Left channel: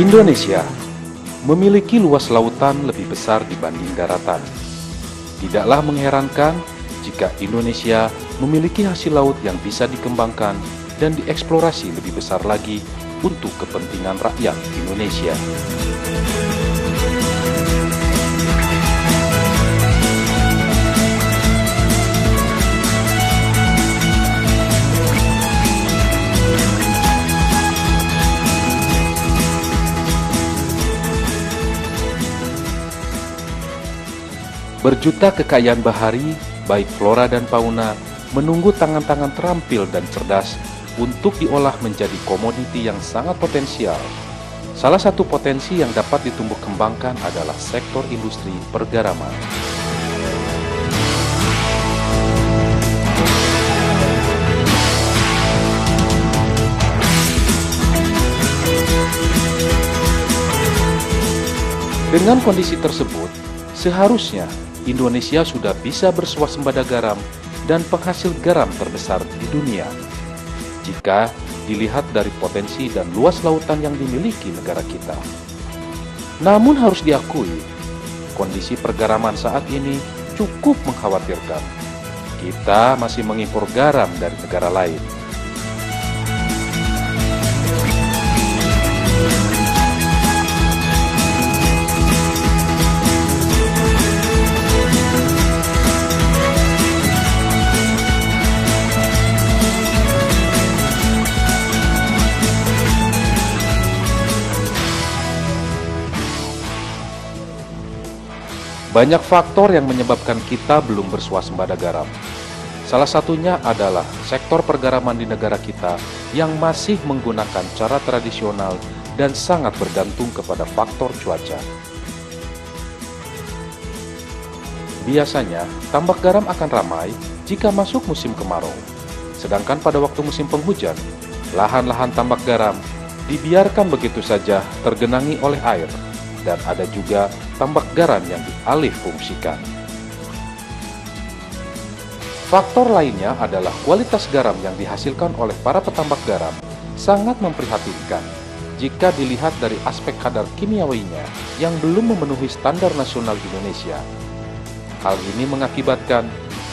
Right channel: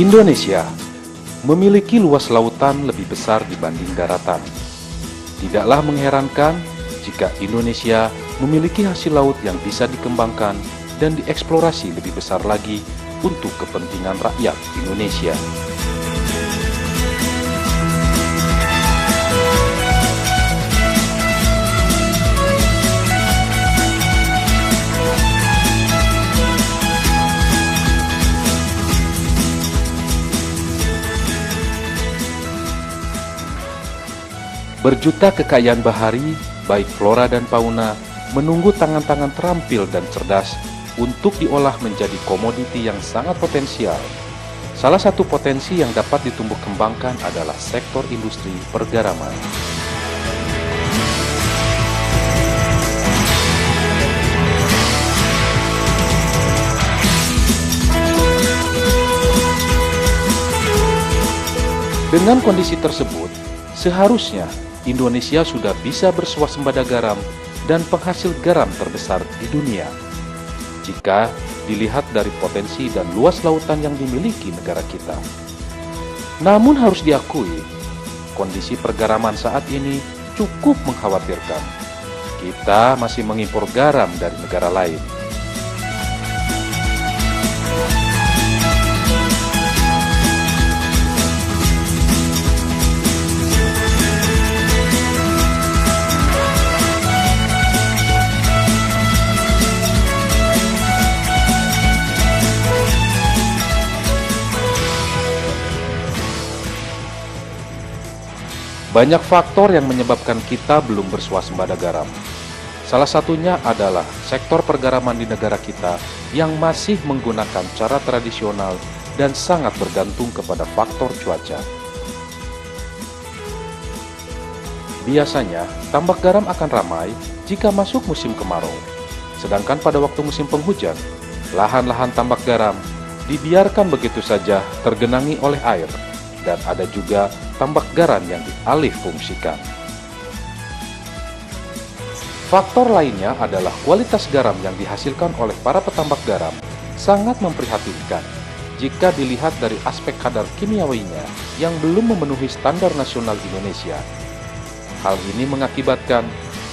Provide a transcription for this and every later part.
Indonesia memiliki luas lautan lebih besar dibanding daratan. Tidaklah mengherankan jika Indonesia memiliki hasil laut yang bisa dikembangkan dan dieksplorasi lebih besar lagi untuk kepentingan rakyat Indonesia. Berjuta kekayaan bahari, baik flora dan fauna, menunggu tangan-tangan terampil dan cerdas untuk diolah menjadi komoditi yang sangat potensial. Salah satu potensi yang dapat ditumbuh kembangkan adalah sektor industri pergaraman. Dengan kondisi tersebut, seharusnya Indonesia sudah bisa bersuasembada garam dan penghasil garam terbesar di dunia. Jika dilihat dari potensi dan luas lautan yang dimiliki negara kita. Namun harus diakui, kondisi pergaraman saat ini cukup mengkhawatirkan. Kita masih mengimpor garam dari negara lain. Banyak faktor yang menyebabkan kita belum bersuasembada garam. Salah satunya adalah sektor pergaraman di negara kita yang masih menggunakan cara tradisional dan sangat bergantung kepada faktor cuaca. Biasanya, tambak garam akan ramai jika masuk musim kemarau. Sedangkan pada waktu musim penghujan, lahan-lahan tambak garam dibiarkan begitu saja tergenangi oleh air. Dan ada juga tambak garam yang dialih fungsikan. Faktor lainnya adalah kualitas garam yang dihasilkan oleh para petambak garam sangat memprihatinkan jika dilihat dari aspek kadar kimiawinya yang belum memenuhi standar nasional Indonesia. Hal ini mengakibatkan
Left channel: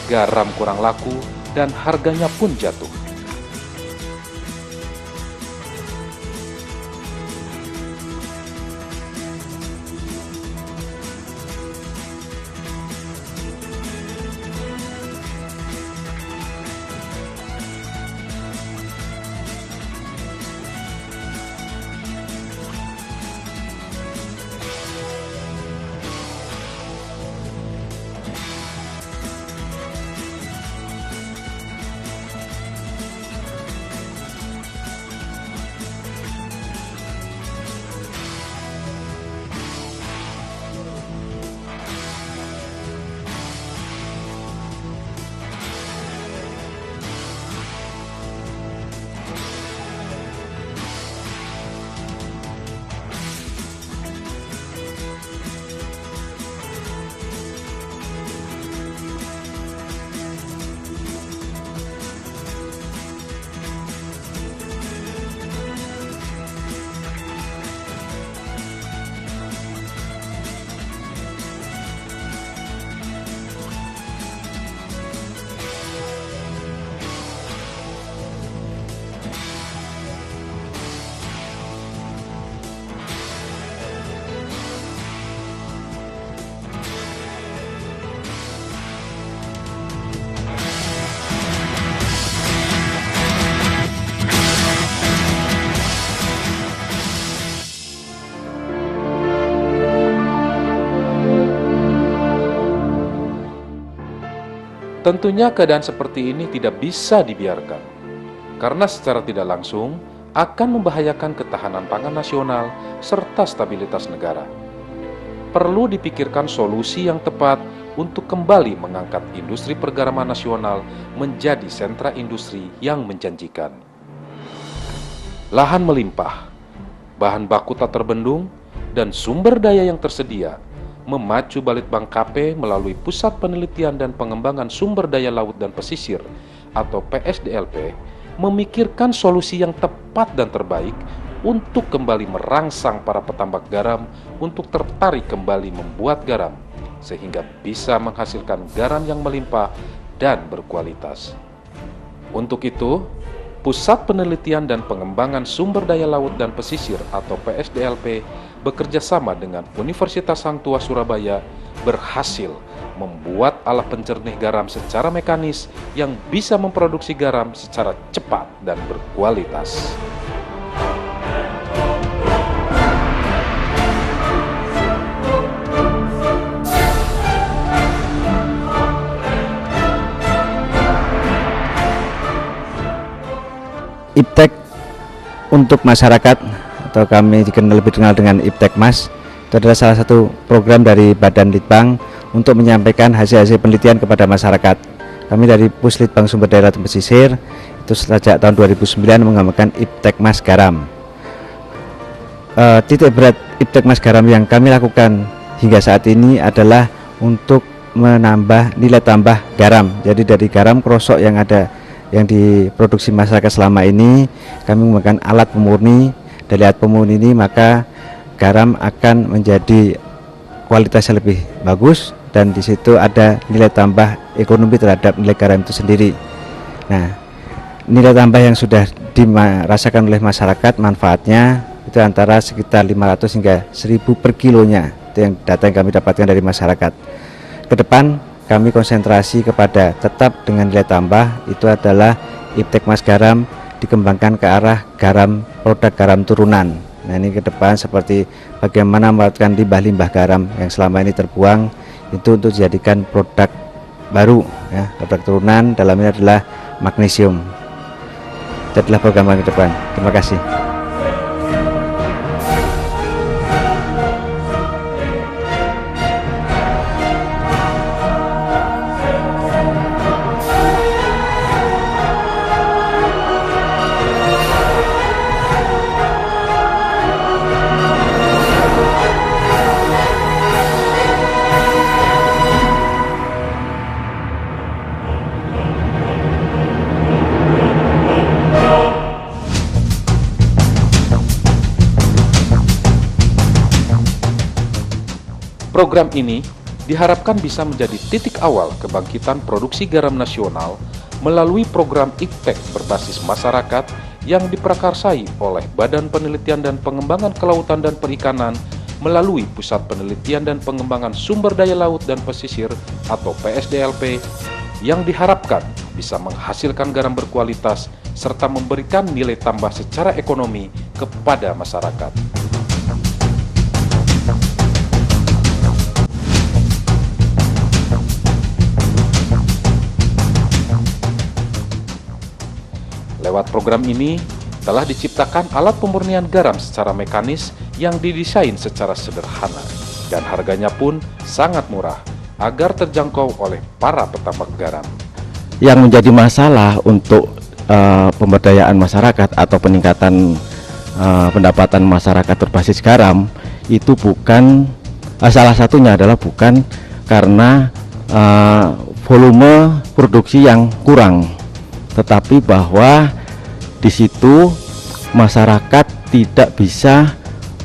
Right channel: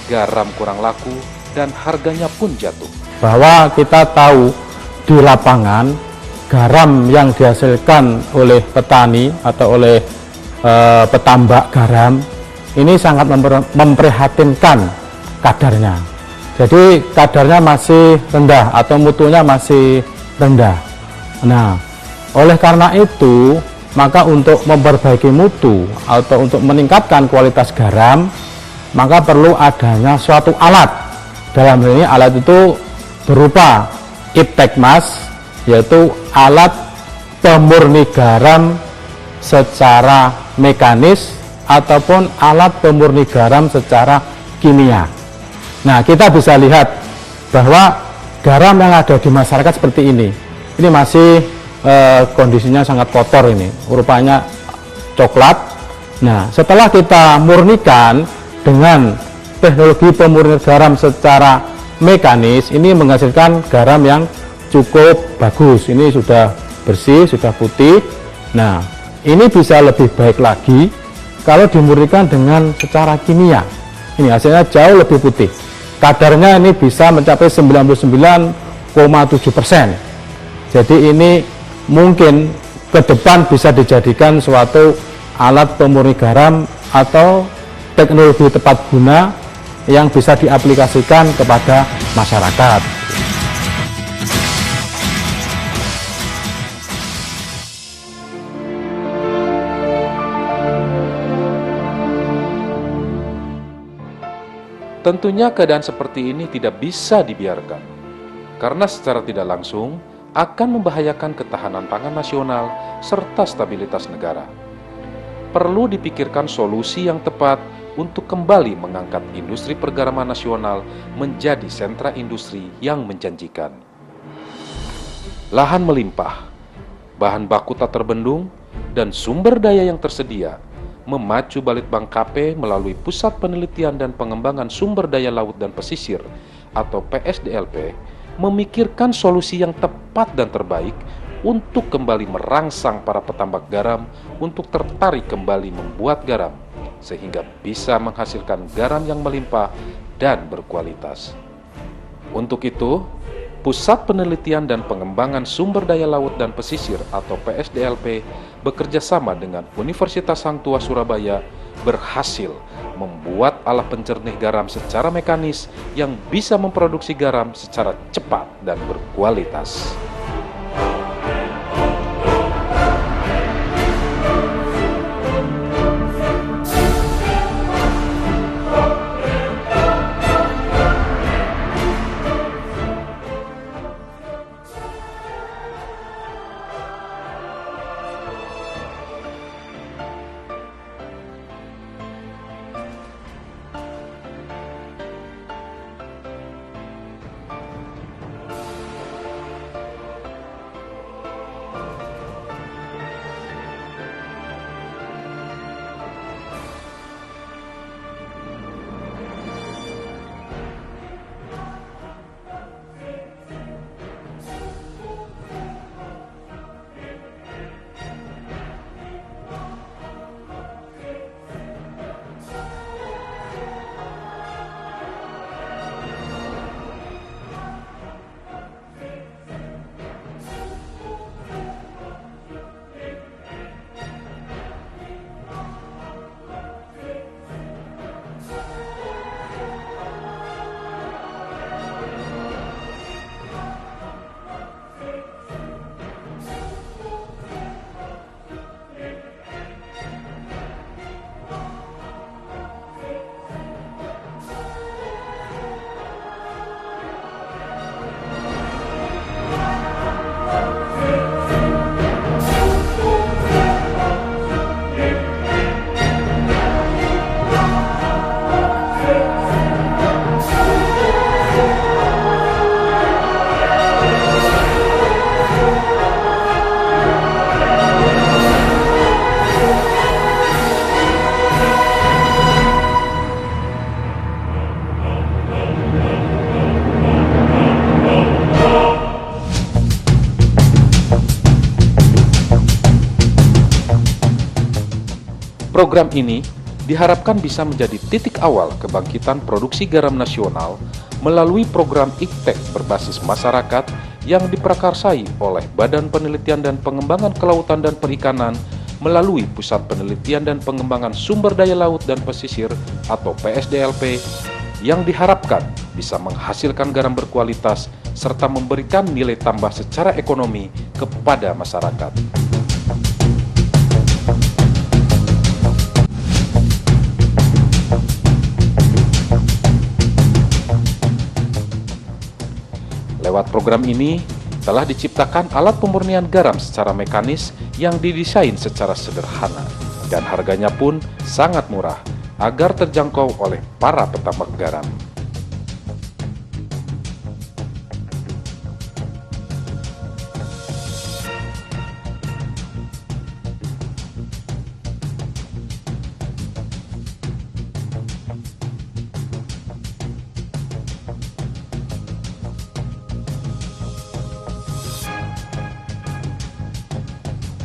garam kurang laku dan harganya pun jatuh. Bahwa kita tahu di lapangan garam yang dihasilkan oleh petani atau oleh petambak garam ini sangat memprihatinkan kadarnya. Jadi kadarnya masih rendah atau mutunya masih rendah. Nah, oleh karena itu maka untuk memperbaiki mutu atau untuk meningkatkan kualitas garam maka perlu adanya suatu alat. Dalam hal ini alat itu berupa Iptekmas, yaitu alat pemurni garam secara mekanis ataupun alat pemurni garam secara kimia. Nah, kita bisa lihat bahwa garam yang ada di masyarakat seperti ini masih kondisinya sangat kotor, ini rupanya coklat. Nah, setelah kita murnikan dengan teknologi pemurni garam secara mekanis, ini menghasilkan garam yang cukup bagus. Ini sudah bersih, sudah putih. Nah, ini bisa lebih baik lagi kalau dimurnikan dengan secara kimia. Ini hasilnya jauh lebih putih. Kadarnya ini bisa mencapai 99,7%. Jadi ini mungkin ke depan bisa dijadikan suatu alat pemurni garam atau teknologi tepat guna yang bisa diaplikasikan kepada masyarakat. Tentunya keadaan seperti ini tidak bisa dibiarkan, karena secara tidak langsung akan membahayakan ketahanan pangan nasional serta stabilitas negara. Perlu dipikirkan solusi yang tepat untuk kembali mengangkat industri pergaraman nasional menjadi sentra industri yang menjanjikan. Lahan melimpah, bahan baku tak terbendung, dan sumber daya yang tersedia memacu Balitbang KP melalui Pusat Penelitian dan Pengembangan Sumber Daya Laut dan Pesisir atau PSDLP memikirkan solusi yang tepat dan terbaik untuk kembali merangsang para petambak garam untuk tertarik kembali membuat garam, sehingga bisa menghasilkan garam yang melimpah dan berkualitas. Untuk itu, Pusat Penelitian dan Pengembangan Sumber Daya Laut dan Pesisir atau PSDLP bekerja sama dengan Universitas Hang Tuah Surabaya berhasil membuat alat pencernih garam secara mekanis yang bisa memproduksi garam secara cepat dan berkualitas. IPTEK untuk masyarakat atau kami lebih dikenal dengan IPTEK Mas, itu adalah salah satu program dari Badan Litbang untuk menyampaikan hasil-hasil penelitian kepada masyarakat. Kami dari Puslitbang Sumber Daya Laut dan Pesisir itu sejak tahun 2009 mengembangkan IPTEK Mas Garam. Titik berat IPTEK Mas Garam yang kami lakukan hingga saat ini adalah untuk menambah nilai tambah garam. Jadi dari garam krosok yang ada yang diproduksi masyarakat selama ini, kami menggunakan alat pemurni. Dari alat pemurni ini maka garam akan menjadi kualitasnya lebih bagus, dan di situ ada nilai tambah ekonomi terhadap nilai garam itu sendiri. Nah, nilai tambah yang sudah dirasakan oleh masyarakat manfaatnya itu antara sekitar 500 hingga 1000 per kilonya. Itu yang data yang kami dapatkan dari masyarakat. Ke depan kami konsentrasi kepada tetap dengan nilai tambah, itu adalah IPTEK Mas Garam dikembangkan ke arah garam, produk garam turunan. Nah, ini ke depan seperti bagaimana melakukan limbah-limbah garam yang selama ini terbuang itu untuk dijadikan produk baru, ya, produk turunan, dalamnya adalah magnesium. Itu adalah program kami ke depan. Terima kasih. Program ini diharapkan bisa menjadi titik awal kebangkitan produksi garam nasional melalui program IPTEK berbasis masyarakat yang diprakarsai oleh Badan Penelitian dan Pengembangan Kelautan dan Perikanan melalui Pusat Penelitian dan Pengembangan Sumber Daya Laut dan Pesisir atau PSDLP, yang diharapkan bisa menghasilkan garam berkualitas serta memberikan nilai tambah secara ekonomi kepada masyarakat. Lewat program ini, telah diciptakan alat pemurnian garam secara mekanis yang didesain secara sederhana dan harganya pun sangat murah agar terjangkau oleh para petambak garam. Yang menjadi masalah untuk pemberdayaan masyarakat atau peningkatan pendapatan masyarakat berbasis garam itu bukan, salah satunya adalah bukan karena volume produksi yang kurang, tetapi bahwa di situ masyarakat tidak bisa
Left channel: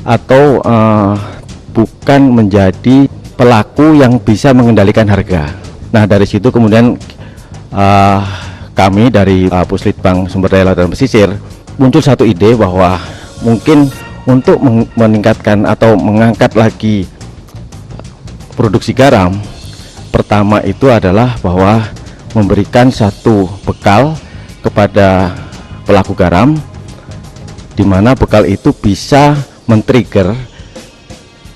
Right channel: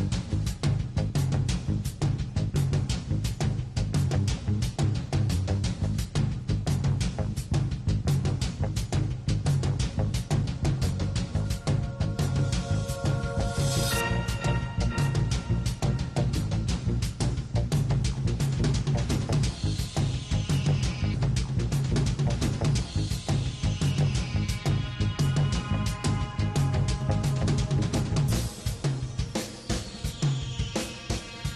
atau bukan menjadi pelaku yang bisa mengendalikan harga. Nah, dari situ kemudian kami dari Puslitbang Sumber Daya Laut dan Pesisir muncul satu ide bahwa mungkin untuk meningkatkan atau mengangkat lagi produksi garam, pertama itu adalah bahwa memberikan satu bekal kepada pelaku garam, di mana bekal itu bisa men-trigger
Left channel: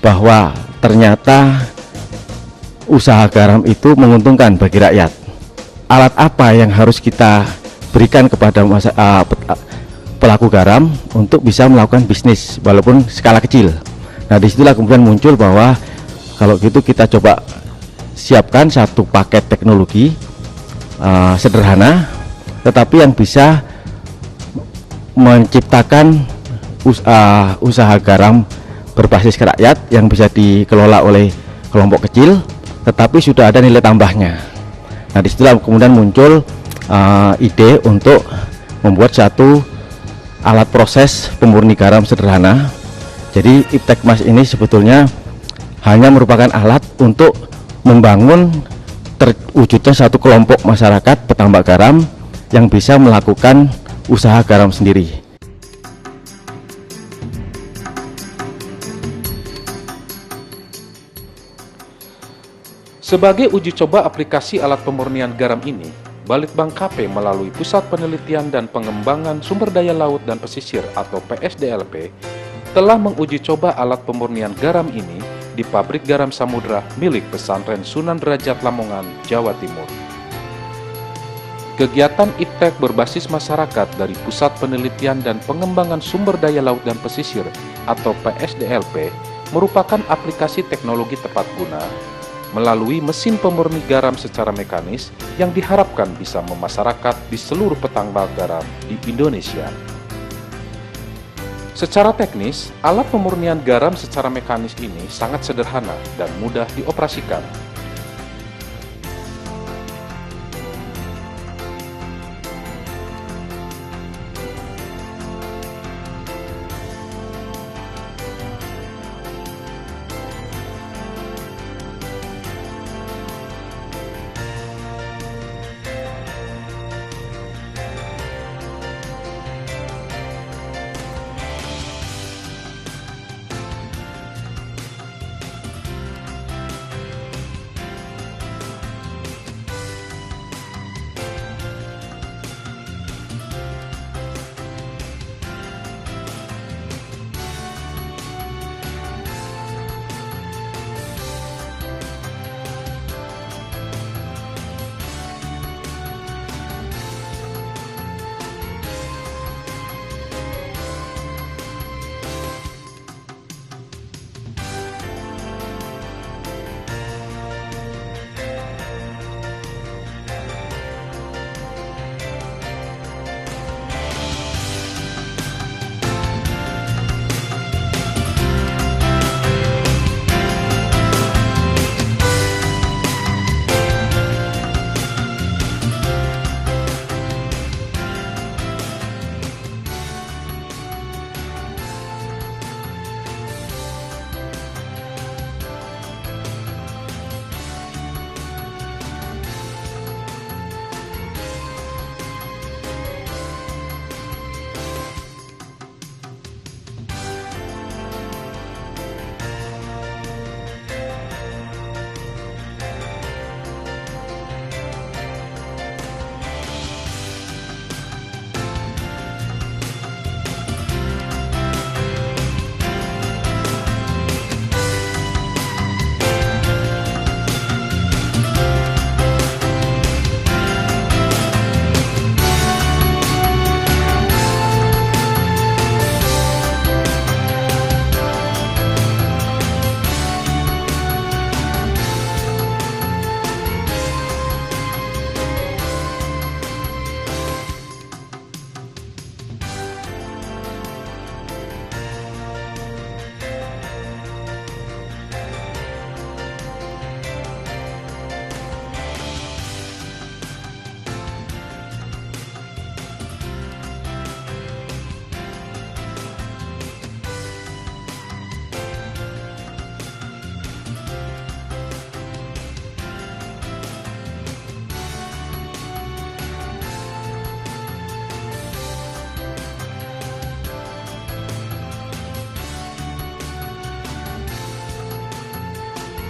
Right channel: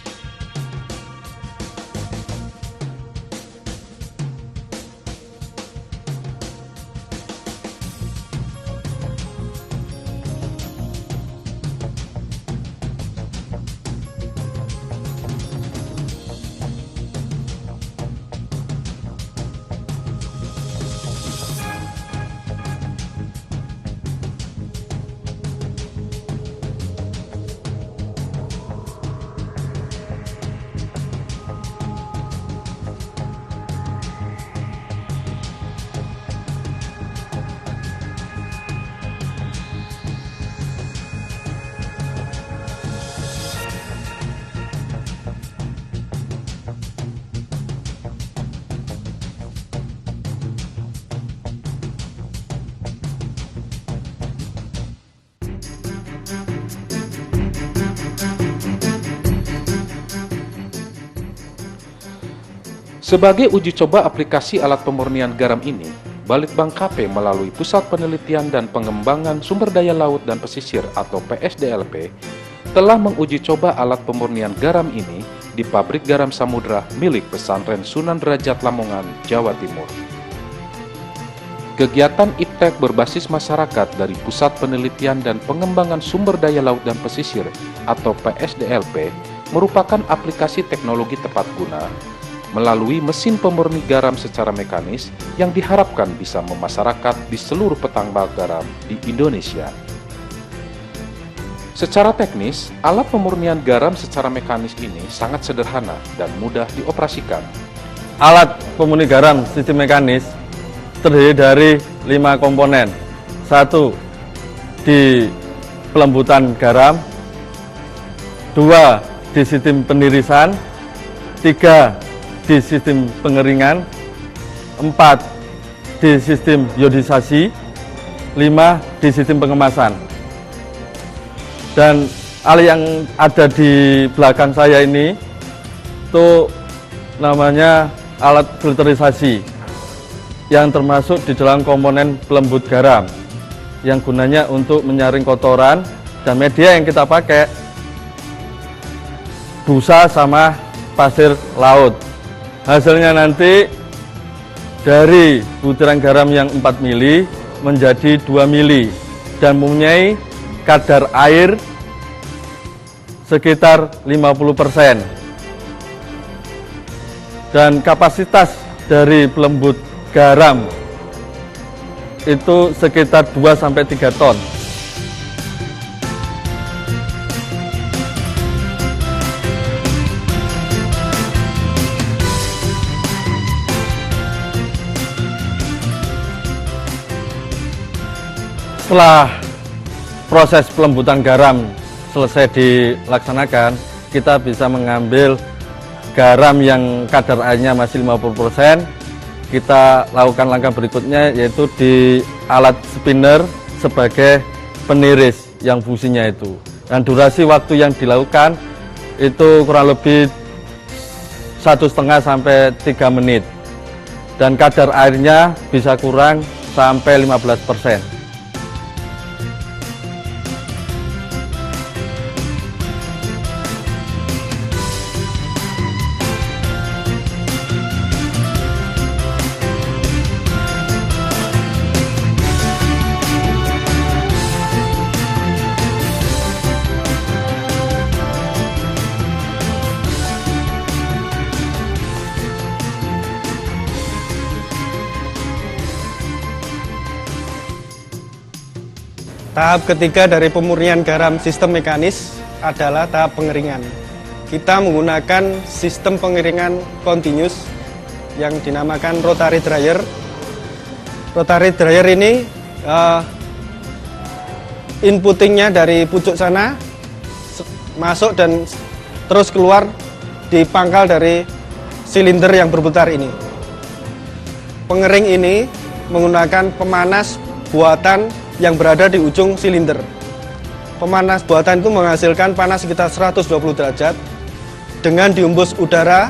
bahwa ternyata usaha garam itu menguntungkan bagi rakyat. Alat apa yang harus kita berikan kepada pelaku garam untuk bisa melakukan bisnis walaupun skala kecil. Nah, disitulah kemudian muncul bahwa kalau gitu kita coba siapkan satu paket teknologi sederhana tetapi yang bisa menciptakan usaha garam berbasis rakyat yang bisa dikelola oleh kelompok kecil tetapi sudah ada nilai tambahnya. Nah, disitulah kemudian muncul ide untuk membuat satu alat proses pemurni garam sederhana. Jadi Iptekmas ini sebetulnya hanya merupakan alat untuk membangun terwujudnya satu kelompok masyarakat petambak garam yang bisa melakukan usaha garam sendiri. Sebagai uji coba aplikasi alat pemurnian garam ini, Balitbang KP melalui Pusat Penelitian dan Pengembangan Sumber Daya Laut dan Pesisir atau PSDLP telah menguji coba alat pemurnian garam ini di pabrik garam samudra milik Pesantren Sunan Derajat Lamongan, Jawa Timur. Kegiatan Iptek berbasis masyarakat dari Pusat Penelitian dan Pengembangan Sumber Daya Laut dan Pesisir atau PSDLP merupakan aplikasi teknologi tepat guna melalui mesin pemurni garam secara mekanis yang diharapkan bisa memasyarakat di seluruh petambak garam di Indonesia. Secara teknis, alat pemurnian garam secara mekanis ini sangat sederhana dan mudah dioperasikan. Alat pemurni garam sistem mekanis terdiri dari 5 komponen. 1. Di pelembutan garam. 2. Di sistem penirisan. 3. Di sistem pengeringan. 4. Di sistem iodisasi. 5. Di sistem pengemasan. Dan alat yang ada di belakang saya ini itu namanya alat filterisasi yang termasuk di dalam komponen pelembut garam yang gunanya untuk menyaring kotoran, dan media yang kita pakai busa sama pasir laut. Hasilnya nanti dari butiran garam yang 4 mili menjadi 2 mili dan mempunyai kadar air sekitar 50%. Dan kapasitas dari pelembut garam itu sekitar 2-3 ton. Setelah proses pelembutan garam selesai dilaksanakan, kita bisa mengambil garam yang kadar airnya masih 50%. Kita lakukan langkah berikutnya, yaitu di alat spinner sebagai peniris yang fungsinya itu. Dan durasi waktu yang dilakukan itu kurang lebih 1,5 sampai 3 menit. Dan kadar airnya bisa kurang sampai 15%. Tahap ketiga dari pemurnian garam sistem mekanis adalah tahap pengeringan. Kita menggunakan sistem pengeringan continuous yang dinamakan rotary dryer. Rotary dryer ini inputtingnya dari pucuk sana masuk dan terus keluar di pangkal dari silinder yang berputar ini. Pengering ini menggunakan pemanas buatan yang berada di ujung silinder. Pemanas buatan itu menghasilkan panas sekitar 120 derajat dengan diembus udara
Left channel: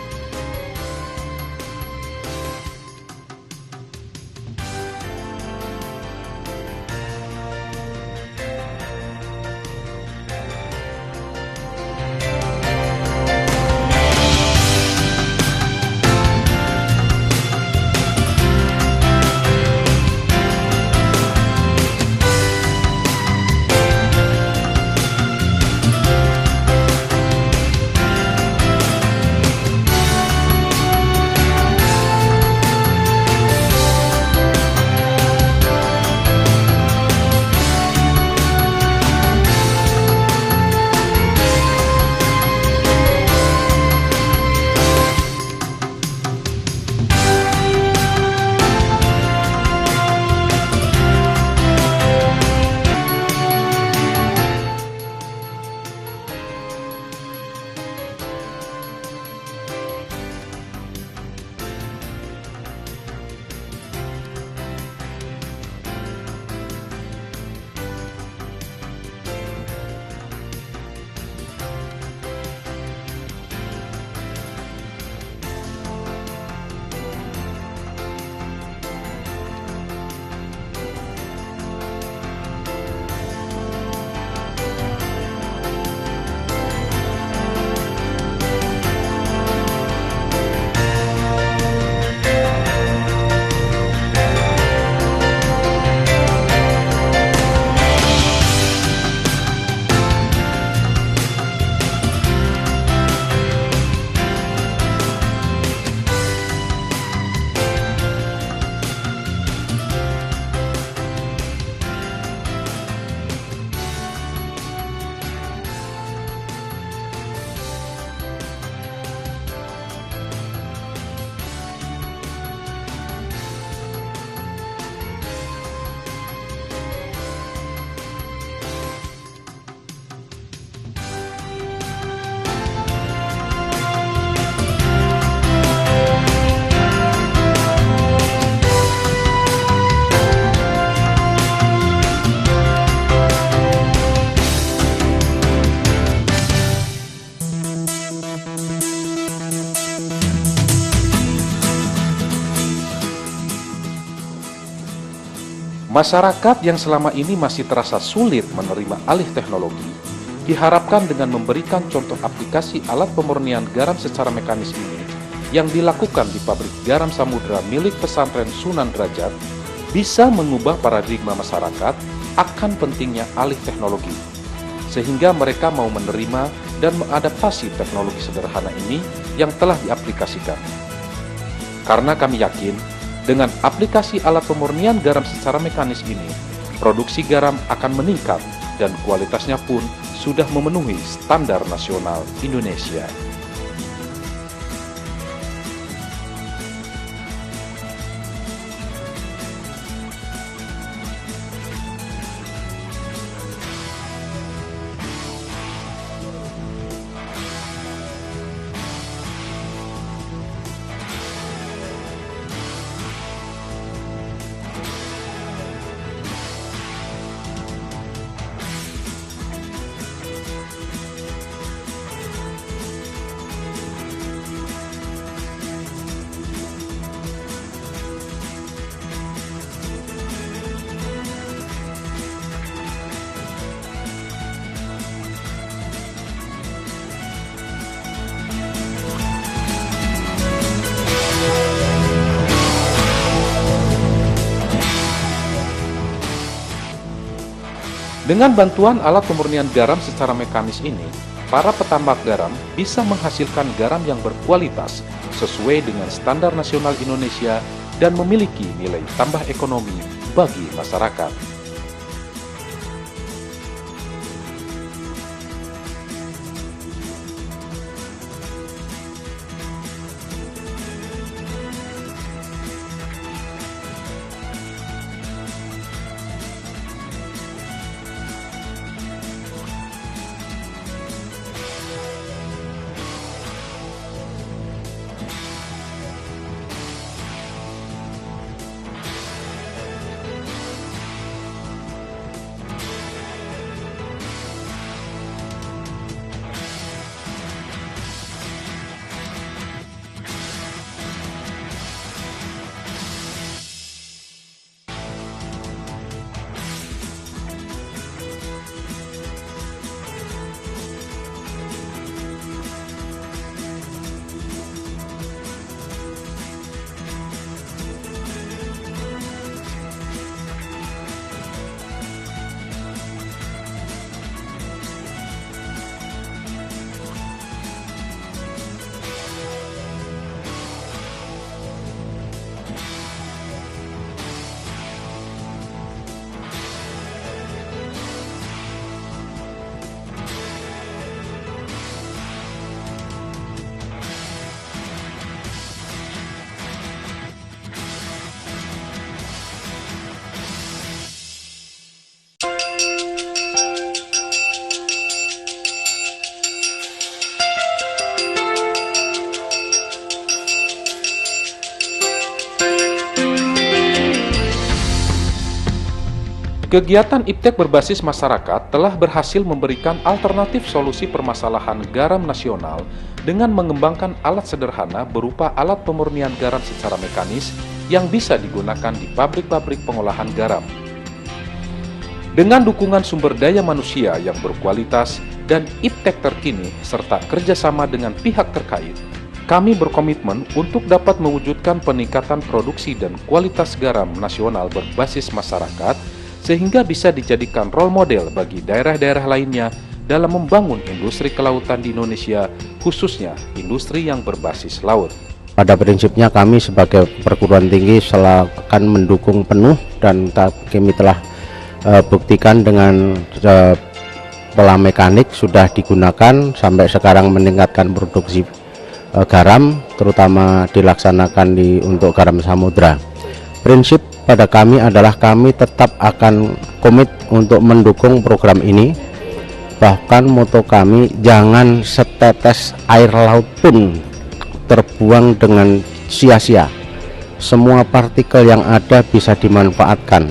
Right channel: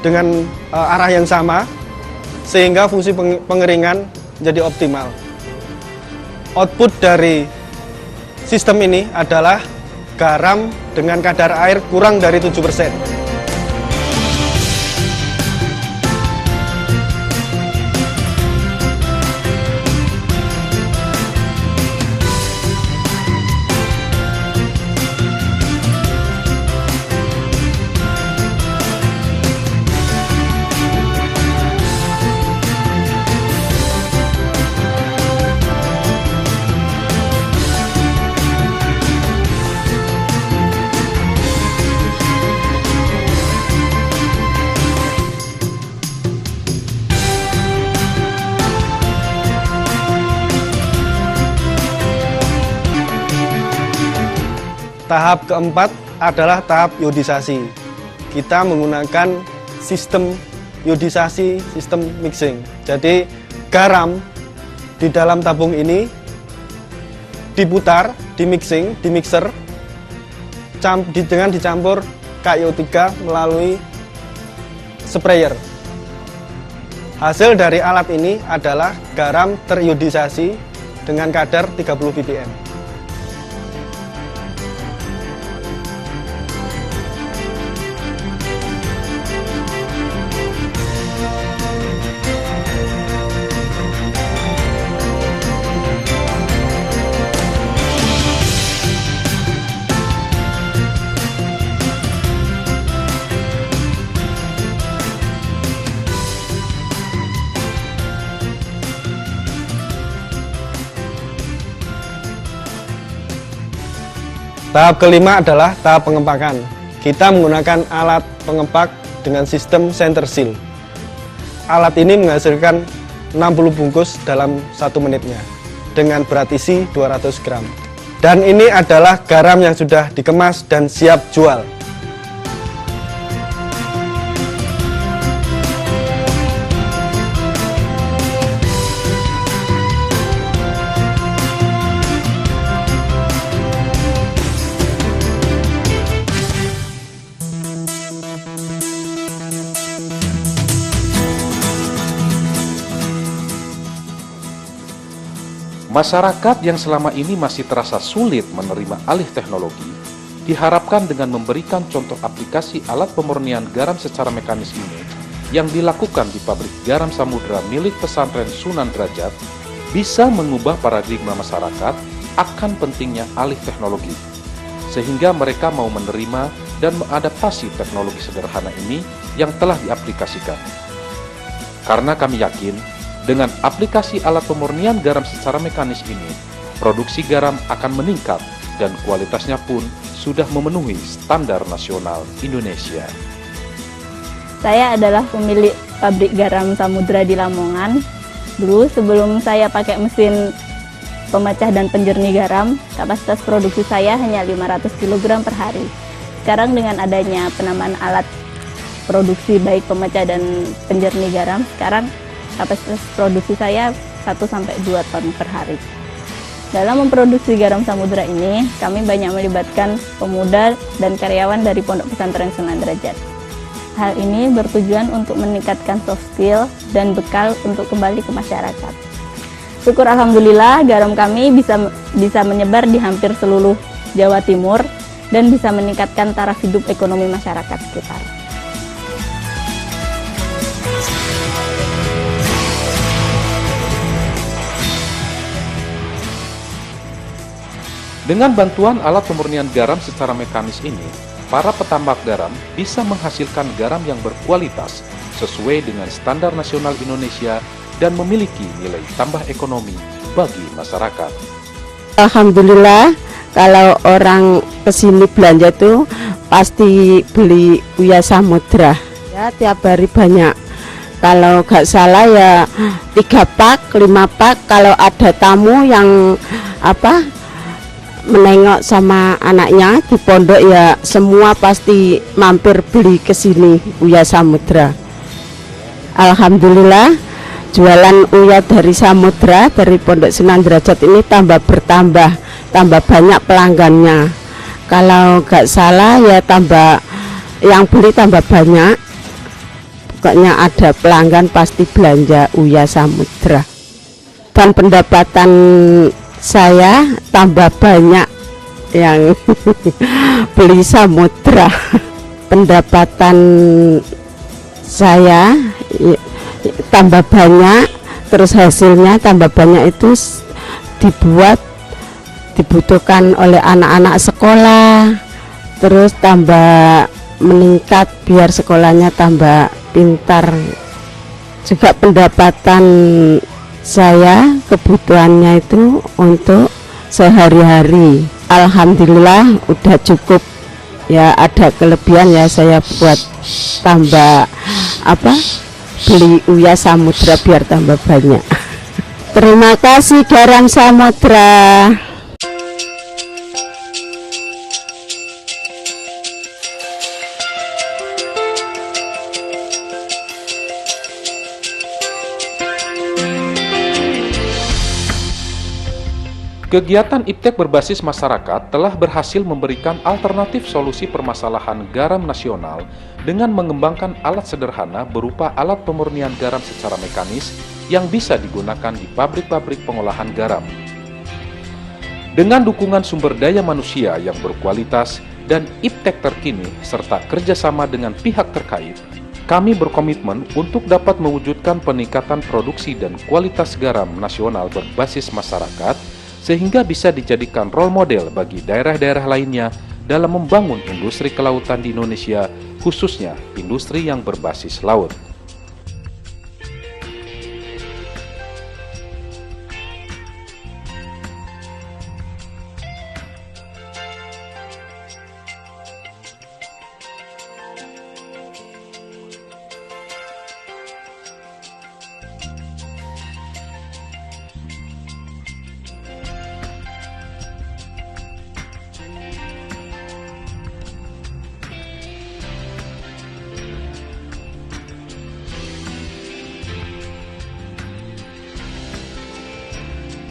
dengan arah yang sama, sehingga fungsi pengeringan menjadi optimal. Output dari sistem ini adalah garam dengan kadar air kurang dari 7%. Tahap keempat adalah tahap iodisasi. Kita menggunakan sistem iodisasi, sistem mixing. Jadi garam di dalam tabung ini diputar, di mixer dengan dicampur KiO3 melalui sprayer. Hasil dari alat ini adalah garam teriodisasi dengan kadar 30 ppm. Tahap kelima adalah tahap pengempakan. Kita menggunakan alat pengempak dengan sistem center seal. Alat ini menghasilkan 60 bungkus dalam 1 menitnya dengan berat isi 200 gram. Dan ini adalah garam yang sudah dikemas dan siap jual. Masyarakat yang selama ini masih terasa sulit menerima alih teknologi, diharapkan dengan memberikan contoh aplikasi alat pemurnian garam secara mekanis ini yang dilakukan di pabrik garam Samudra milik pesantren Sunan Derajat bisa mengubah paradigma masyarakat akan pentingnya alih teknologi, sehingga mereka mau menerima dan mengadaptasi teknologi sederhana ini yang telah diaplikasikan. Karena kami yakin, dengan aplikasi alat pemurnian garam secara mekanis ini, produksi garam akan meningkat dan kualitasnya pun sudah memenuhi standar nasional Indonesia. Saya adalah pemilik pabrik garam Samudra di Lamongan. Dulu sebelum saya pakai mesin pemecah dan penjernih garam, kapasitas produksi saya hanya 500 kg per hari. Sekarang dengan adanya penambahan alat produksi baik pemecah dan penjernih garam, sekarang kapasitas produksi saya 1-2 ton per hari. Dalam memproduksi garam Samudra ini, kami banyak melibatkan pemuda dan karyawan dari Pondok Pesantren Sunan Derajat. Hal ini bertujuan untuk meningkatkan soft skill dan bekal untuk kembali ke masyarakat. Syukur alhamdulillah garam kami bisa menyebar di hampir seluruh Jawa Timur dan bisa meningkatkan taraf hidup ekonomi masyarakat sekitar. Dengan bantuan alat pemurnian garam secara mekanis ini, para petambak garam bisa menghasilkan garam yang berkualitas sesuai dengan standar nasional Indonesia dan memiliki nilai tambah ekonomi bagi masyarakat. Alhamdulillah, kalau orang kesini belanja tuh pasti beli Uya Samudra. Ya, tiap hari banyak. Kalau nggak salah ya 3 pak, 5 pak. Kalau ada tamu yang menengok sama anaknya di pondok ya semua pasti mampir beli ke sini Uya Samudra. Alhamdulillah jualan Uya dari Samudra dari Pondok Sunan Derajat ini tambah banyak pelanggannya. Kalau nggak salah ya yang beli tambah banyak. Pokoknya ada pelanggan pasti belanja Uya Samudra. Dan pendapatan saya tambah banyak yang beli Samudra. Pendapatan saya tambah banyak, terus hasilnya tambah banyak itu dibutuhkan oleh anak-anak sekolah, terus tambah meningkat biar sekolahnya tambah pintar. Juga pendapatan saya kebutuhannya itu untuk sehari-hari. Alhamdulillah udah cukup ya, ada kelebihan ya saya buat tambah beli Uya Samudra biar tambah banyak. Terima kasih garam Samudra. Kegiatan IPTEK berbasis masyarakat telah berhasil memberikan alternatif solusi permasalahan garam nasional dengan mengembangkan alat sederhana berupa alat pemurnian garam secara mekanis yang bisa digunakan di pabrik-pabrik pengolahan garam. Dengan dukungan sumber daya manusia yang berkualitas dan IPTEK terkini serta kerjasama dengan pihak terkait, kami berkomitmen untuk dapat mewujudkan peningkatan produksi dan kualitas garam nasional berbasis masyarakat sehingga bisa dijadikan role model bagi daerah-daerah lainnya dalam membangun industri kelautan di Indonesia, khususnya industri yang berbasis laut. Pada prinsipnya kami sebagai perguruan tinggi akan mendukung penuh dan kami telah buktikan dengan pola mekanik sudah digunakan sampai sekarang meningkatkan produksi garam, terutama dilaksanakan untuk garam samudra. Prinsip pada kami adalah kami tetap akan komit untuk mendukung program ini. Bahkan moto kami, jangan setetes air laut pun terbuang dengan sia-sia. Semua partikel yang ada bisa dimanfaatkan,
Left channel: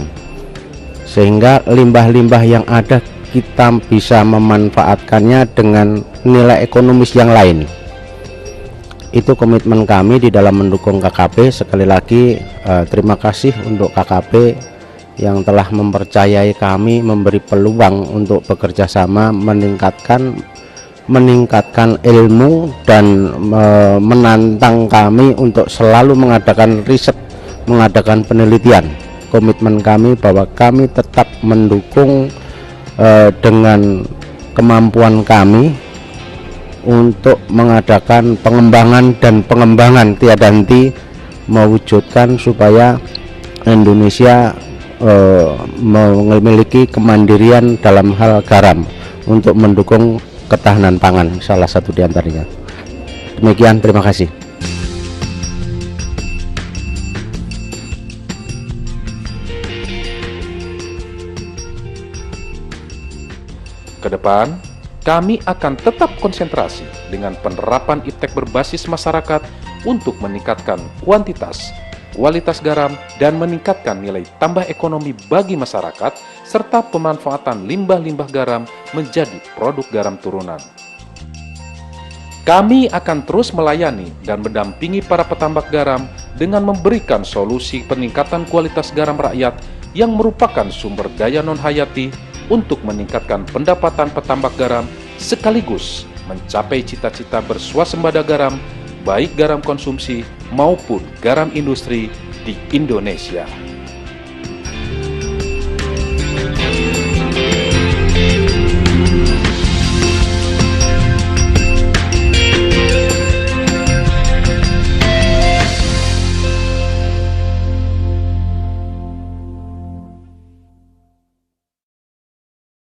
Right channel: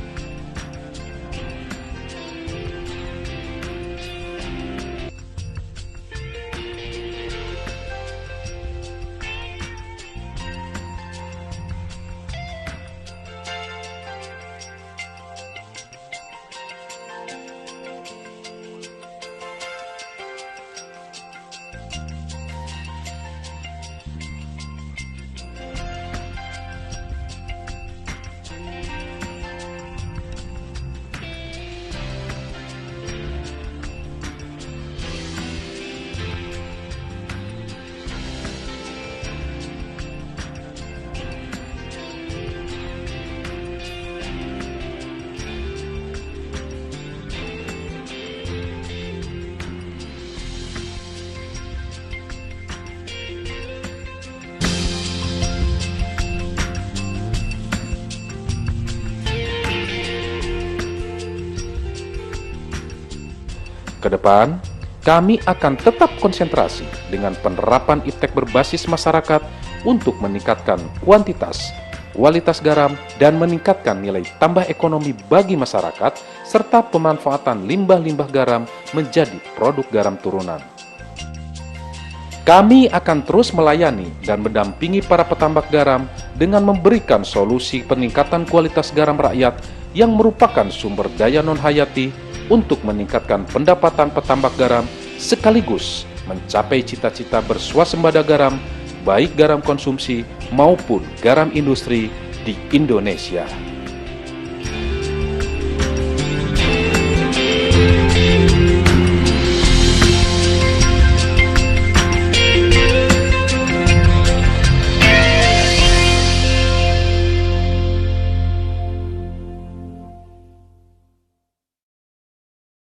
sehingga limbah-limbah yang ada kita bisa memanfaatkannya dengan nilai ekonomis yang lain. Itu komitmen kami di dalam mendukung KKP. Sekali lagi terima kasih untuk KKP yang telah mempercayai kami, memberi peluang untuk bekerja sama, meningkatkan ilmu dan menantang kami untuk selalu mengadakan riset, mengadakan penelitian. Komitmen kami bahwa kami tetap mendukung dengan kemampuan kami untuk mengadakan pengembangan dan pengembangan tiada henti, mewujudkan supaya Indonesia memiliki kemandirian dalam hal garam untuk mendukung ketahanan pangan, salah satu diantaranya. Demikian, terima kasih. Ke depan, kami akan tetap konsentrasi dengan penerapan IPTEK berbasis masyarakat untuk meningkatkan kuantitas, kualitas garam, dan meningkatkan nilai tambah ekonomi bagi masyarakat, serta pemanfaatan limbah-limbah garam menjadi produk garam turunan. Kami akan terus melayani dan mendampingi para petambak garam dengan memberikan solusi peningkatan kualitas garam rakyat yang merupakan sumber daya non-hayati untuk meningkatkan pendapatan petambak garam sekaligus mencapai cita-cita berswasembada garam, baik garam konsumsi maupun garam industri di Indonesia.